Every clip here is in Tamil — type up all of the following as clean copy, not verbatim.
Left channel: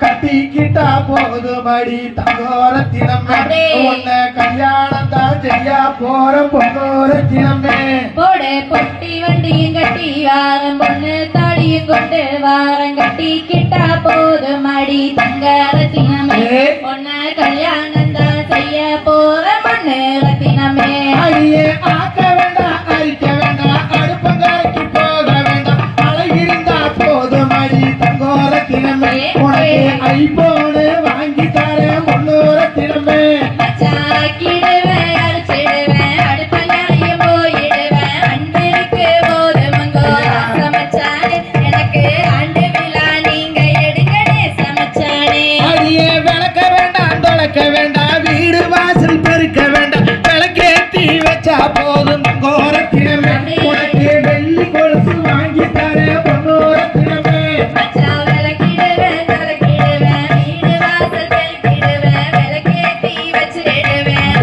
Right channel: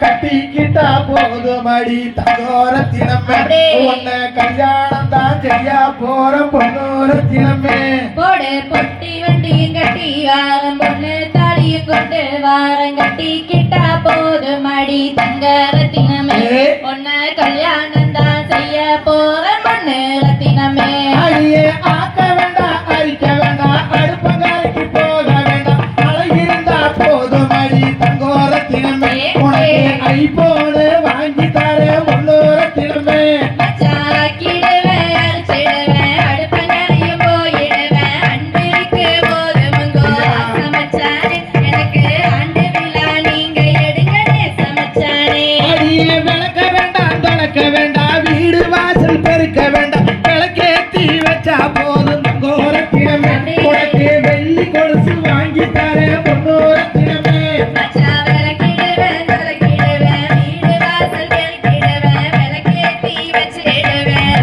கட்டிக்கிட்டா போதுமடி தங்கோரத்தினமே உன்னை கல்யாணம் தான் செய்ய போற பொண்ணோரத்தினமே போடு பொட்டி வண்டியும் கட்டி வாரம் பொண்ணு தாடியும் கொண்டு வாரம் கட்டிக்கிட்டா போதுமடி தங்கரத்தினமே உன்னை கல்யாணம் தான் செய்ய போற பொண்ணு ரத்தினமே அடியே ஆக்க வேண்டாம் அரிக்க வேண்டாம் அடுப்பங்கரைக்கு போக வேண்டாம் அழகிருந்தா போதுமடி தங்கோரத்தினமே உனக்கு ஐபோனு வாங்கி தர பொண்ணோரத்தினமே மச்சாக்கிடுவேன் அடிச்சிடுவேன் அடுப்பங்கரையும் போயிடுவேன் அன்பிற்கு போதுமுங்கோ சமைச்சானே எனக்கு ஆண்டு விழா நீங்க எடுங்கனே சமைச்சானே அடியே விளக்க வேண்டாம் தொடக்க வேண்டாம் வீடு வாசல் பெருக்க வேண்டாம் விளக்கேத்தி வச்சா போதும் தங்கோரத்தினமே உனக்கு வெள்ளி கொலுசு வாங்கி தர பொண்ணோரத்தினமே மச்சா விளக்கிடுவேன் விளக்கிடுவேன் வீடு வாசல் பெருக்கிடுவேன் விளக்கேத்தி வச்சிடுவேன்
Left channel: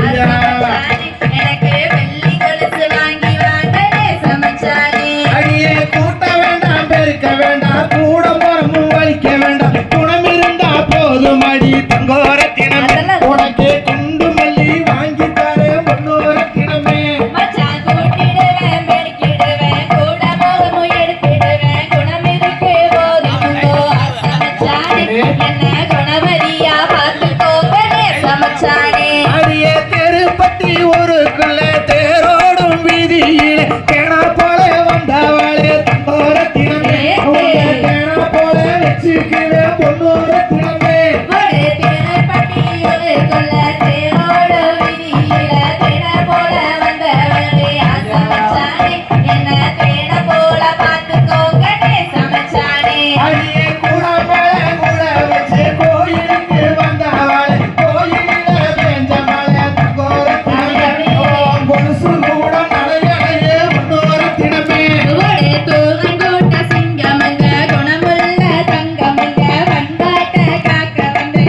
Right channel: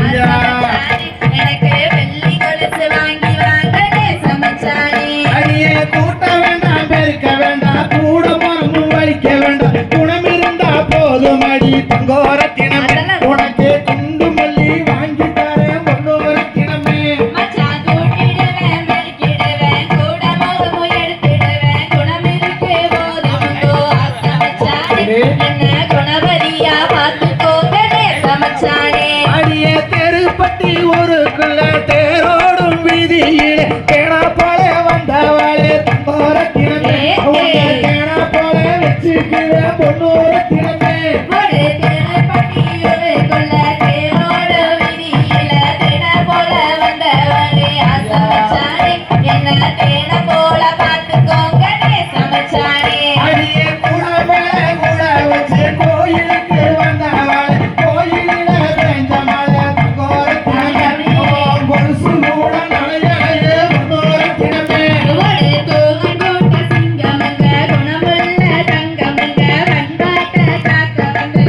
எனக்கு வெள்ளி கொலுசு வாங்கி வாங்கனே சமைச்சானே அடியே கூட்ட வேண்டாம் பெருக்க வேண்டாம் கூட முறமும் வலிக்க வேண்டாம் குணம் இருந்தா போதும் அடி தங்கோரத்தினமே உனக்கு குண்டு மல்லி வாங்கி தர பொண்ணோரத்தினமே மச்சா கூட்டிடுவேன் பெருக்கிடுவேன் கூட போதும் எடுத்திடுவேன் குணம் இருக்கு போதுமுங்கோ சமைச்சானே என்ன குணவதியா பார்த்துக்கோங்கனே சமைச்சானே அடியே தெருப்பட்டி ஊருக்குள்ள தேரோடும் வீதியிலே தேனா போல வந்தவாளே தங்கோரத்தினமே உன்னை தேனா போல வச்சுக்குவே பொண்ணோரத்தினமே ஒரு திருப்பட்டி ஒரு கொல்ல தேரோடு விதியில தேட போல வந்தவரே சமைச்சானே என்ன தேட போல பார்த்துக்கோங்கனே சமைச்சானே அடியே கூட மேல கூட வச்சு கோயிலுக்கு வந்தவாளே கோயிலில வேஞ்ச மலை தங்கோரத்தினமே கொலுசு கூட நடையே பொண்ணோரத்தினமே ஒரு தூங்கூட்ட சிங்கமங்க குணமுள்ள தங்கமங்க வந்தாட்ட காக்க வந்து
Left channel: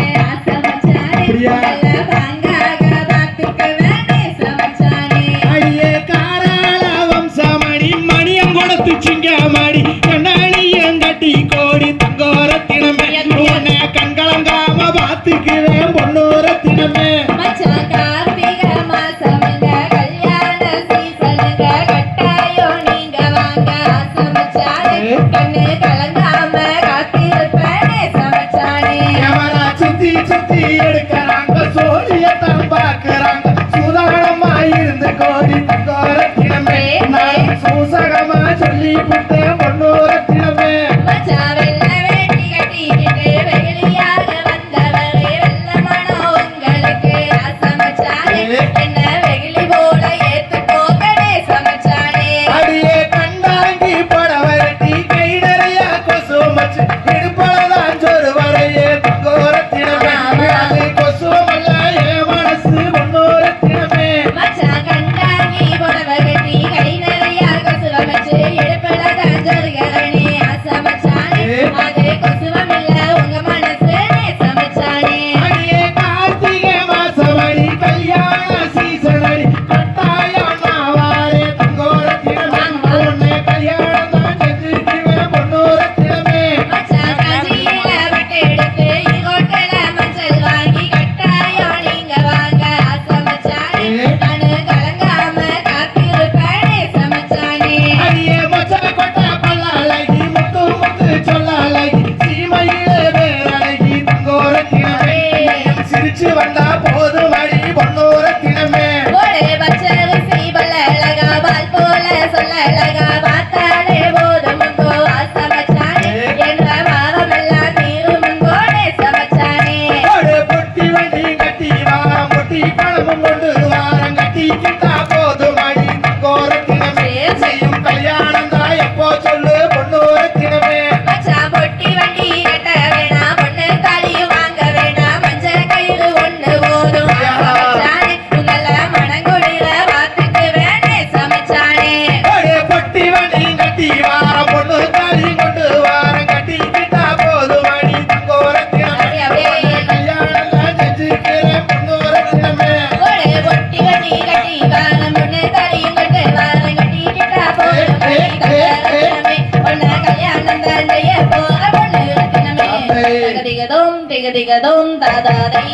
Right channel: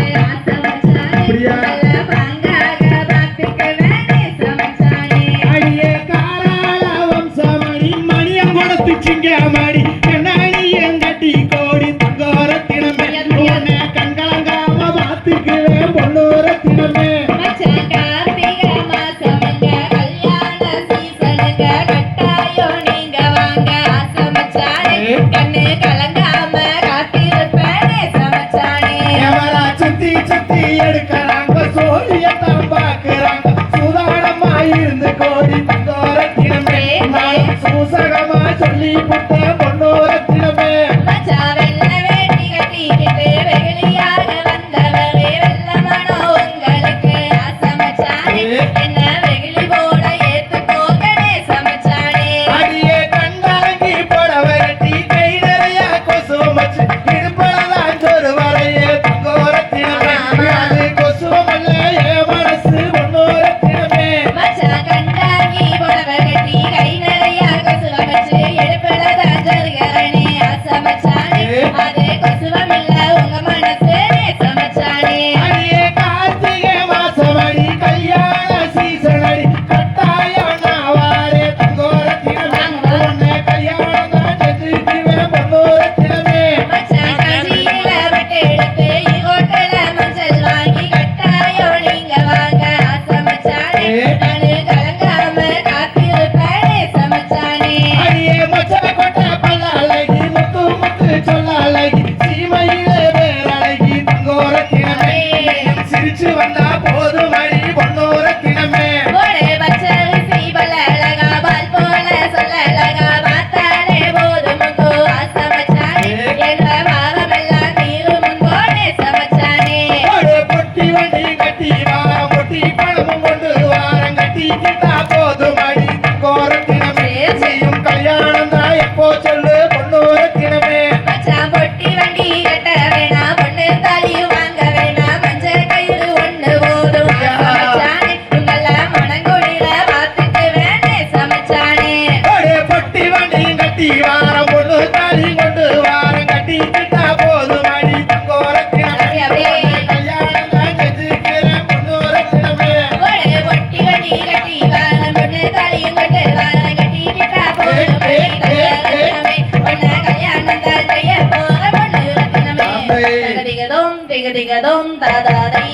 சமைச்சானே அப்படியா? நல்ல பாங்காக பார்த்துக்கவே சமைச்சானே அடியே காராள வம்சமணி மணியங்குடத்து சிங்கமடி கண்ணாடியும் கட்டி கோடி தங்கோரத்தினமே உன்னை கண்கலங்காம பார்த்துக்குவே பொண்ணோரத்தினமே மச்சா கார்த்திகை மாசமங்க கல்யாண சீசனுங்க கட்டாயம் நீங்க வாங்க சமைச்சானே கண்ணு கலங்காம காத்திருப்பேனே சமைச்சானே எவனா சுத்தி சுத்தி எடுக்கிறாங்க சோழியத்தான் பார்க்கறாங்க சுதாரணமா இருந்து கோடி தங்கோரத்தினமே நான் சூசகமா சொல்லி புட்டேன் பொண்ணோரத்தினமே மச்சா வெள்ள வேட்டி கட்டிக்கிட்டு வெகுளியாக வந்தவரே வெள்ள மனம் உங்களுக்கு சமைச்சானே என்ன வெகுளி போல ஏத்துக்கோங்கனே சமைச்சானே அடியே கண்டாங்கி புடவை கட்டி கை நிறைய கொசு மச்சு இடுப்போலதான் சொரு வரையே தங்கோரத்தினமே அது கொசுவமல்ல என் மனசு பொண்ணோரத்தினமே மச்சா கண்டாங்கி புடவை கட்டி கை நிறைய கொசுவ வச்சு எடுப்பதான் ஜருகரணே சமைச்சானே அது கொசுவமில்ல உங்க மனசுனே சமைச்சானே அடியே கார்த்திகை மாசமடி கல்யாண சீசனடி கட்டாயம் நான் வாரே தங்கோரத்தினமே உன்னை கல்யாணம் தான் செஞ்சுக்குவேன் பொண்ணோரத்தினமே மச்சா காஞ்சி தகதிகதோம் திகதிகதோம் தாதாதை